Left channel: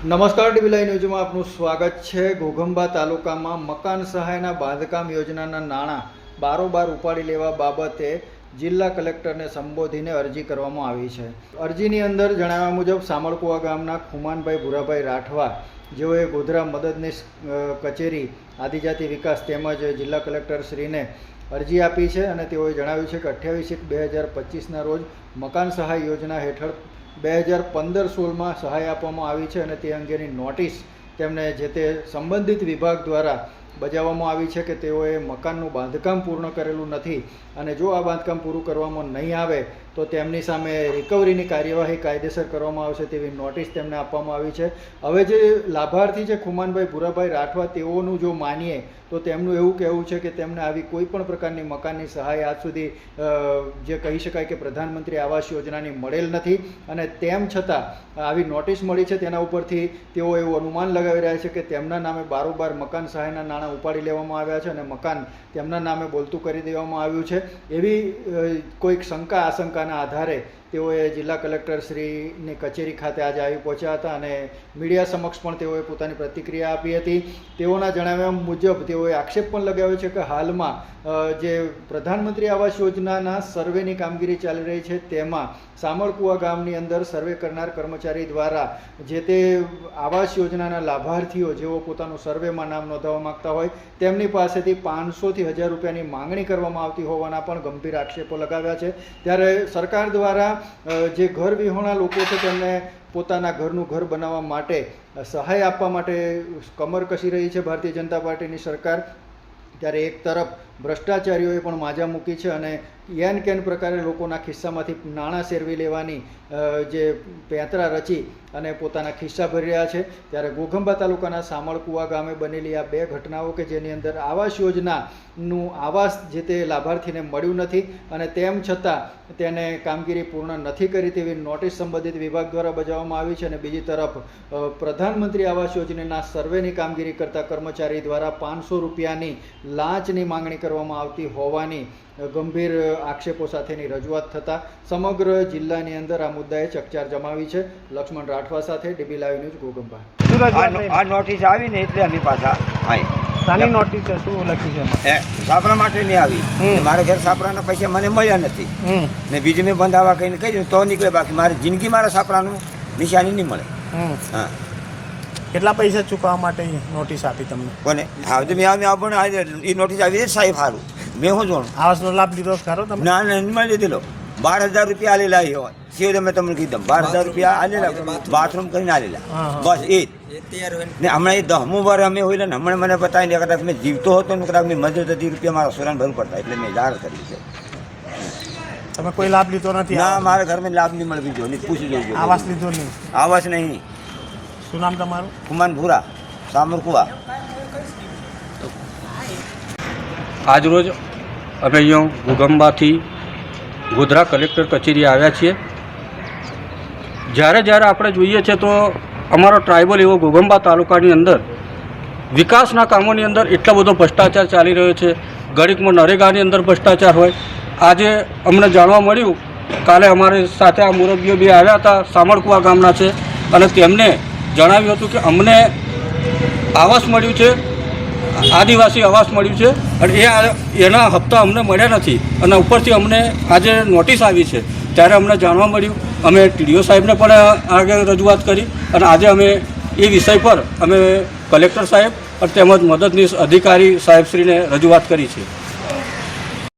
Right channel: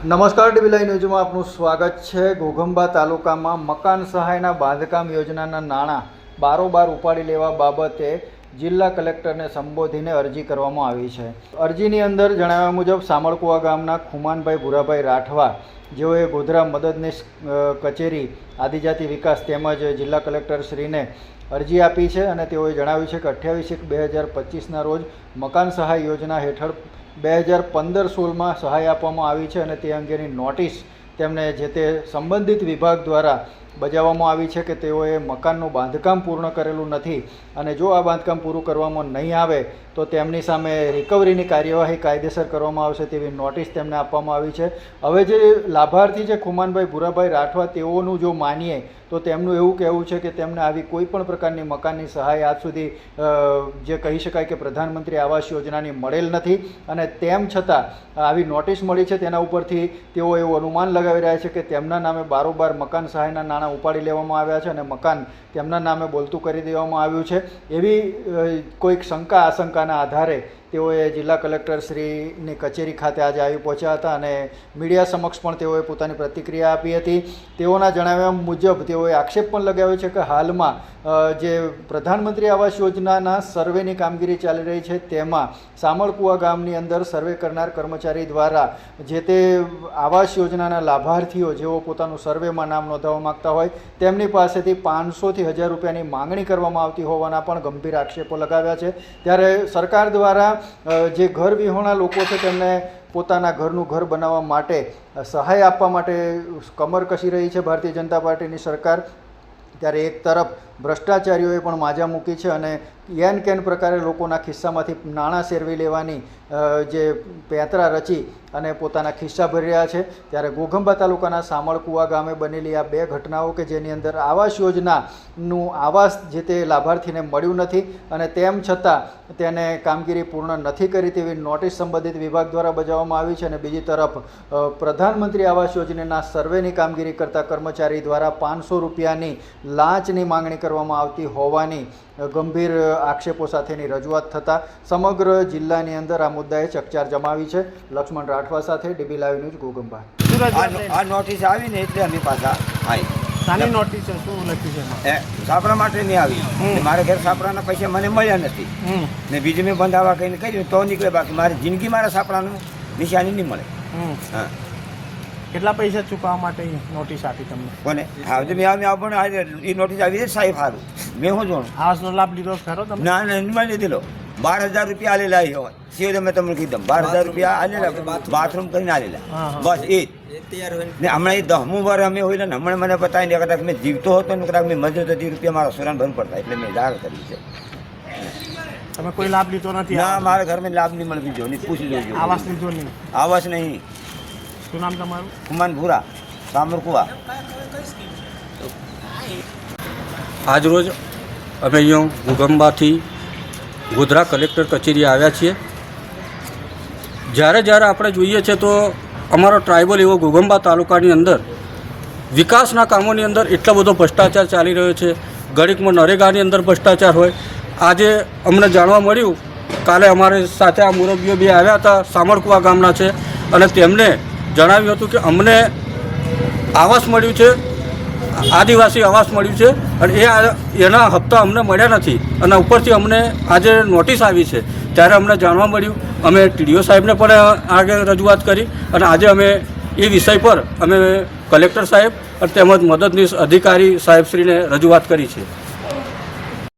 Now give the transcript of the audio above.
નમસ્કાર ડીબી ન્યૂઝમાં આપનું સ્વાગત છે. ઘોઘંબા તાલુકામાં મકાન સહાયના બાંધકામ યોજનાના નાણાં બારોબાર ઉપાડી લેવા બાબતે જિલ્લા કલેક્ટરને સંબોધીને અરજી કરવામાં આવી છે. અરજીની અંદર જણાવ્યા મુજબ, સામળકુવા ગામના ખુમાનભાઈ ભુરાભાઈ રાઠવા, જેઓએ ગોધરા મદદનીશ કચેરી, આદિજાતિ વિકાસ તેમજ જિલ્લા કલેક્ટર શ્રીને અરજી આપી છે અને તેઓએ જણાવ્યું છે કે અઠ્યાવીસ એક બે હજાર પચીસના રોજ મકાન સહાય યોજના હેઠળ બે હજાર પંદર સોળમાં સહાય આપવામાં આવી છે અને તે અંગેની નોટિસ તેમને જે તે સંબંધિત વિભાગ દ્વારા બજાવવામાં આવી છે કે તેઓએ મકાનનું બાંધકામ પૂર્ણ કરેલું નથી અને જો આ બાંધકામ પૂરું કરવામાં નહીં આવે, તો તેમની સામે રિકવરીની કાર્યવાહી કાયદેસર કરવામાં આવશે તેવી નોટિસ તેમને આપવામાં આવી છે. હવે જે લાભાર્થી છે ખુમાનભાઈ ભુરાભાઈ રાઠવા, તેઓનું જો માનીએ તો તેમનું એવું કહેવું છે કે તેમને આવી કોઈ પણ પ્રકારની મકાનની સહાય આજ સુધી જે કહી શકાય કે પ્રધાનમંત્રી આવાસ યોજનાની મળેલ નથી. અને તેમ છતાં, આવી નોટિસ મળી છે તેના ઉપરથી તેઓ એવું અનુમાન લગાવી રહ્યા છે કે તેમના નામે બારોબાર મકાન સહાયના નાણાં ઉપાડી લેવામાં આવ્યા છે અને મકાન તેમના નામે બોલતું કરી દેવામાં આવ્યું છે. એવી કોઈક શંકા આશંકાના આધારે તેઓએ જિલ્લા કલેક્ટર શ્રીની કચેરી ખાતે આજે આવી પહોંચ્યા હતા અને મીડિયા સમક્ષ પણ તેઓએ પોતાની પ્રતિક્રિયા આપી હતી. તેઓના જણાવ્યા મુજબ તેઓએ આક્ષેપ પણ લગાવ્યો છે કે હાલમાં જે પ્રધાનમંત્રી આવાસ યોજનાના સર્વેની કામગીરી ચાલી રહી છે તેમાં સામળકુવા ગામની અંદર સર્વે કરનાર કર્મચારી દ્વારા જે તે આવાસ યોજનાના લાભાર્થીઓ જેઓ પોતાનું સર્વેમાં નામ નોંધાવવા માગતા હોય, તેમની પાસેથી પાંચસોથી હજાર રૂપિયાની માંગણી કરવામાં આવતી હોવાના પણ ગંભીર આક્ષેપો લગાવ્યા છે. ત્યારે સરકાર દ્વારા જે ઘર વિહોણા લોકો છે તેમને પોતાના ઘરનું ઘર બનાવવા માટે સહાય આપવા માટે કમર કસી રહી છે ભારતીય જનતા પાર્ટીની સરકાર, ત્યારે એક તરફ ભ્રષ્ટાચારીઓએ પણ માજા મૂકી છે અને એન કેન પ્રકારે લોકોના ખિસ્સામાંથી નાણાં શેરવી લેવાની જે પેંતરા રચી અને પોતાના ખિસ્સા ભરી રહ્યા છે. ત્યારે ઘોઘંબા તાલુકાના સામળકુવા ગામે બનેલી આ બે ઘટનાઓ કે જેની અંદર આવાસ યોજનાનું આવાસ જે તે લાભાર્થીને મળ્યું નથી અને તેમ છતાં તેને કામગીરી પૂર્ણ નથી કરી તેવી નોટિસ સંબંધિત વિભાગ દ્વારા બજાવવામાં આવી છે અને બીજી તરફ પ્રધાનમંત્રી આવાસ યોજનાના સર્વેની કામગીરી કરતા કર્મચારી દ્વારા પાંચસો રૂપિયાની લાંચની માંગણી કરવામાં આવતી હોવાની ગંભીર આક્ષેપો સાથેની રજૂઆત થતાં સમગ્ર જિલ્લાની અંદર આ મુદ્દાએ ચકચાર જમાવી છે. લક્ષ્મણ રાઠવા સાથે ડીબી લાઈવ ન્યૂઝ ગોગમભાઈ આ નોટિસ આવી ને એટલે અમે પાછા આવી શાની નોટિસ છે? શું લખ્યું છે સાપરા માટે નહીં આવી. મારા ઘર સાપરાના પૈસા મને મળ્યા નથી. મેં બીજું મેં બંધાવા કહીને કહ્યું તો નીકળે બાકી મારી જિંદગી મારા સાપરાનું નિશાની નહીં મળે. હા. કેટલા પૈસા ચૂકવવા માટે નોટિસ આપી તમને? કોને હા જો મેં આવી આવું પણ એ નોટિસ આવી છે સાહેબ સારું મેં શું જોણું? આવાસનો લાભ લીધો ખરો તમે ના ના નહીં મળી દીધેલો બાર હજાર રૂપિયા આલેલા એ હોય જે મેં તમને કીધું બાર હજાર રૂપિયા આલેલા. બાથરૂમ કરીને આલેલા. હા, હા. બસ એ ને. હમણાં એ દહમું વાર અમે હોય ને હમણાં મને બતાવી લે કદાચ મેં જીવતો હતો ને કદાચ મેં મદદ હતી રૂપિયા મારા સુરાન ભરવું પડતા એટલે મેં જાહેર કરી છે તમે કોઈ લાભ લીધો નથી? ના મારા ઘરમાં લાભ નહીં મળવી જોઈએ પૂછી જોજો. આવાસ લીધો નહીં? આવાસ નહીં. શું નામ તમારું? હુમાન ભૂરા સામરકુવા. આજરોજ અમે અહીંયા ભૂગંબાથી ગોધરા કલેક્ટર કચેરી આવ્યા છીએ. જ્યારે જ્યારે આપણે જોઈએ છે તો અમારો ટ્રાઇબલ એવો ગોગંબા તાલુકાની અંદર વિકાસના કામોની અંદર એટલો બધો ભ્રષ્ટાચાર ચાલી રહ્યો છે. ગણિતમાં નરેગાની અંદર ભ્રષ્ટાચાર હોય. આજે અમને જાણવા મળ્યું કાલે અમારી સાથે આ મુરબ્બીઓ બી આવ્યા હતા સામરકુવા ગામના છે. અને તેમને જણાવ્યું હતું કે અમને આવાસ મળ્યું છે, આદિવાસી આવાસ મળ્યું છે અને એ એના હપ્તા અમને મળ્યા નથી. અને ઉપરથી અમને આજે નોટિસ આવી છે. ત્યારે અમને જાણવા મળ્યું. અમે ટીડીઓ સાહેબને પણ આગળ રજૂઆત કરી અને આજે અમે એ વિષય પર અમે કલેક્ટર સાહેબ અને તેમજ મદદનીશ અધિકારી સાહેબશ્રીને રજૂઆત કરી છે.